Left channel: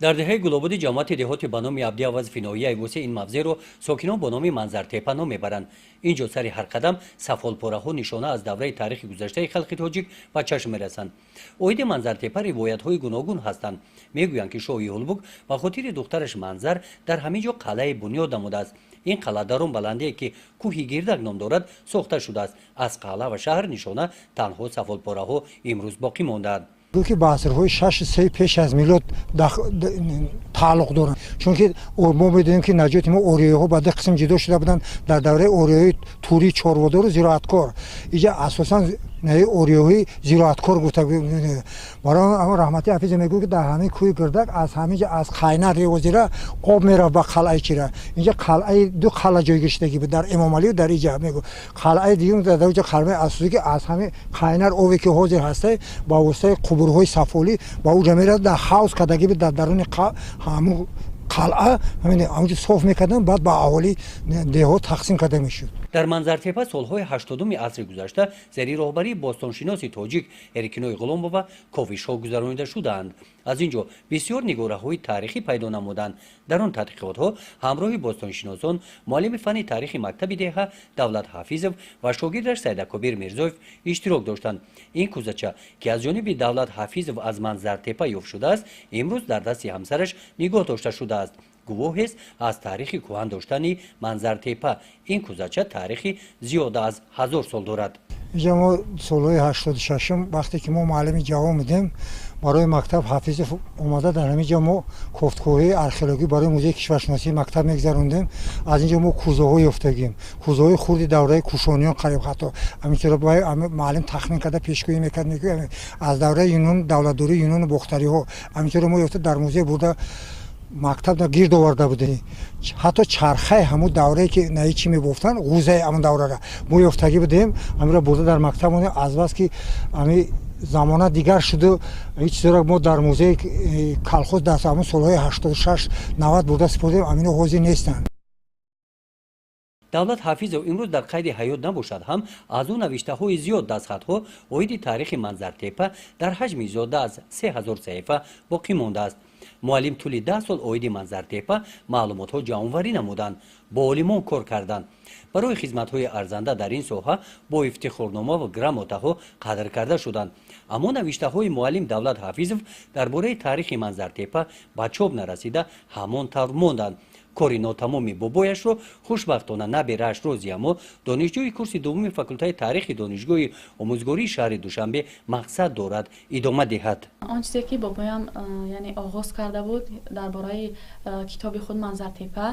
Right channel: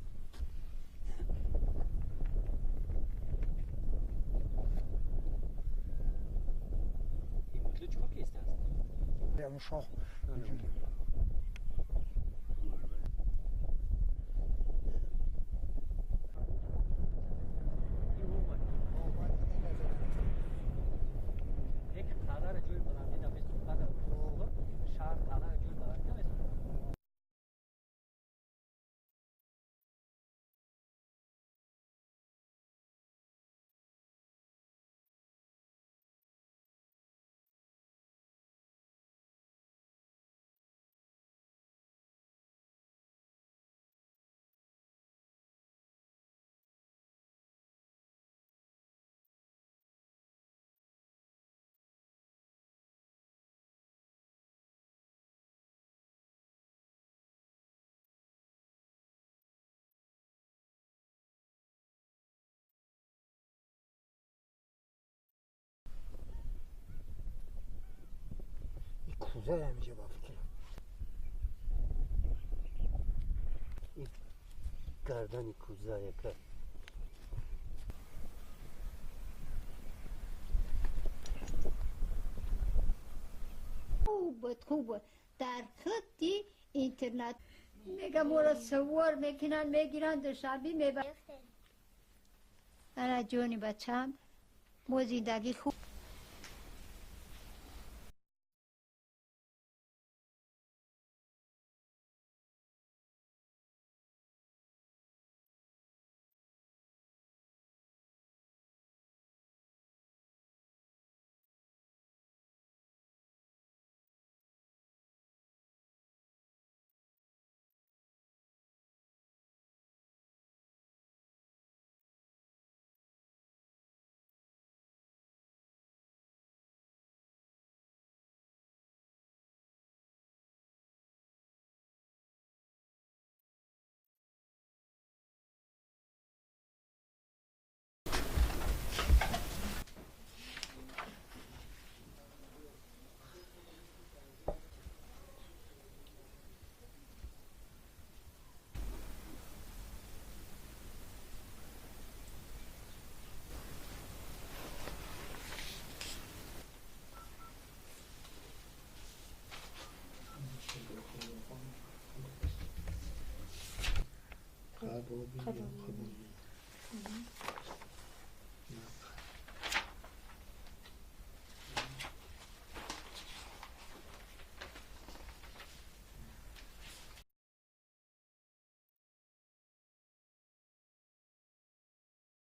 дар деҳаи гулободи ҷамоати деҳоти ба номи абдиаваз финоияи вусе ин мавзеъро сокинон бо номи манзартепа ном мебаранд. ин ҷо сари ҳар қадам сафолпораҳо нишона аз давраи таърихи гузаштаи халқи тоҷик ба чашм мерасанд. оиди манзартепа ривоятҳои гуногун ҳастанд. мегӯянд ки шоҳи улбук ба хотири духтараш манзар дар ҳамин ҷо қалъаи бунёд намудааст. ин қалъа дар он баландие ки кӯҳи гирдак ном дорад сохта шудааст. аз қалъа ва шаҳр нишона танҳо сафолпораҳо имрӯз боқӣ мондаанд. ки ба асрҳои 6-3 пеш аз милод тааллуқ доранд, чунки мо медонем ки наҷоти мо ориёиҳо ба ду қисм ҷудо шуда буданд. дар давраи ориёи турӣ чорводору зироаткор иҷа асосан ориёҳои зироаткор гуфта барои ама раҳмати ҳафизе мегӯяд ки дар ҳамин кӯҳи гирдак аз ҳамин ҷа аз қайнар ревозира об мерафт ба қалъаи чира. инҷа қалъаи ду қалъа ҷойгиштагӣ буд дар эмомалию дар иҷа мегӯ қалъаи дигар дар ҷа қалъаи асосӣ ки аз ҳамин қайнар ове ки ҳозир ҳастай ба воситаи қубурҳои сафолӣ ба уҷа мерафт дар ҳавз кардагӣ буд дар даруни ҳамун қалъа ҳаминҷо соф мекарданд баъд ба аҳолии деҳот тақсим карда мешуд. дар манзартепа солҳои 80-уми асри гузашта зери роҳбарии бостоншиноси тоҷик эркинои ғуломова ковишҳо гузаронида шудаанд. аз ин ҷо бисёр нигораҳои таърихӣ пайдо намуданд. дар он тадқиқотҳо ҳамроҳи бостоншиносон муаллими фанни таърихи мактаби деҳа давлат ҳафизов ва шогирдаш сайдакобир мирзоев иштирок доштанд. ин кӯзача ки аз ҷониби давлат ҳафизов аз манзартепа ёфт шудааст имрӯз дар дасти ҳамсараш нигоҳ дошта шудааст. гувоҳест аз таърихи кӯҳан доштани манзартепа. ин кӯзача таърихи зиёда аз 1000 сол дорад. инҷа мо солҳои 86 вақте ки мо муаллими ҷавон будем барои мактаб ҳафизов омада дар ҳамин ҷо мо кофткоҳии археологӣ барои музеи кишваршиносии мактаб мегузарондем. аз ин ҷо мо кӯзаҳо ёфтагим, кӯзаҳои хурди давраи кушониён қариб ҳатто ҳаминчора муаллим тахмин карда пешгӯӣ мекард аз давраи юнон давлатдории юнону бохтариҳо ҳаминчора мо ёфта дар музей бурда мактаб гирд оварда будем. ҳатто чархаи ҳамун даврае ки наи чӣ мебофтанд ғӯзаи ҳамун даврара мо ёфтагӣ будем. ҳамира бурда дар мактаб монем. аз бас ки ҳами замона дигар шуду ҳеҷ чизора мо дар музеи калхоз дар ҳамун солҳои 86-90 бурда сипордем амино ҳозир нестанд. давлат ҳафизов имрӯз дар қайди ҳаёт набошад ҳам аз ӯ навиштаҳои зиёд дастхатҳо оиди таърихи манзартепа дар ҳаҷми зиёда аз 3000 саҳифа боқӣ мондааст. муаллим тӯли 10 сол оиди манзартепа маълумотҳо ҷамъоварӣ намуданд, бо олимон кор карданд. барои хизматҳои арзанда дар ин соҳа бо ифтихорнома ва грамотаҳо қадр карда шуданд. аммо навиштаҳои муаллим давлат ҳафизов дар бораи таърихи манзартепа ба чоп нарасида ҳамон тавр монданд. кори нотамоми бобояшро хушбахтона наберааш розӣ аммо донишҷӯи курси дуввуми факултаи таърихи донишгоҳи омӯзгории шаҳри душанбе мақсад дорад идома диҳад. он чизе ки бобоям яъне оғоз карда буд дар бораи китоби худ манзартепа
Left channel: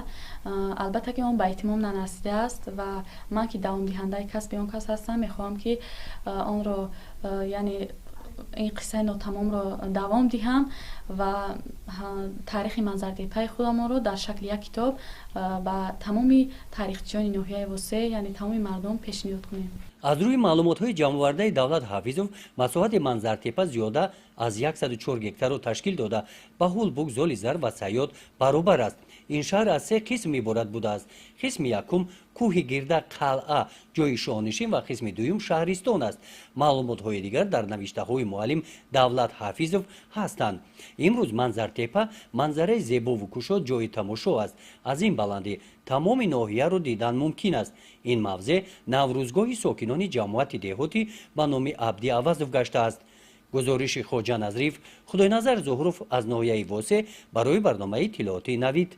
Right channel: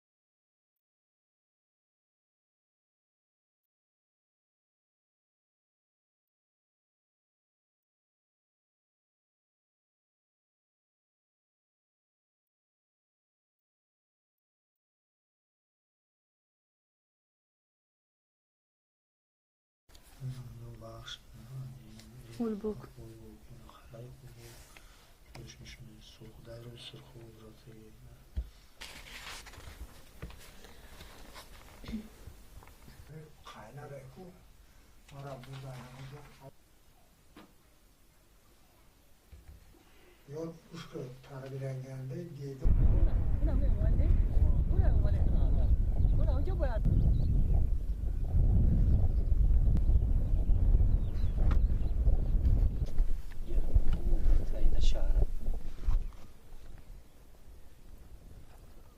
албатта ки он ба эҳтимом нанасидааст ва ман ки давомдиҳандаи касби он кас ҳастам мехоҳам ки онро яъне این قصه ناتمام رو دوام دهم و تاریخ منظرتپای خودم رو در شکل یک کتاب با تمام تاریخچیان ناحیه وسطی یعنی تمام مردم پیشنهاد کنیم. از روی معلومات‌های جمع‌آورده دولت حافظов مساحت منظرتپا زیاده از 104 گکتار رو تشکیل داده با هولبوک زولیزر و سیاد برابر است. این شهر از 3 قسم عبارت بوده است. قسم یکم کوه گرده قلعه جای شاهنشین و قسم دوم شهرستان است. معلومات‌های دیگر در نوشته‌های معلم دولت حافظов هستند. امروز منظرتپا منظره زیبا و کشاد جای تماشا است. از این بلندی تمام ناحیه رو دیدن ممکن است. این موضع نوروزگاهی ساکنان جماعت دهاتی به نام عبدی‌عوضов گشته است. گزارش خواجه نظریف خدای نظر ظهروف از ناحیه واسه برای برنامه اطلاعاتی نوید.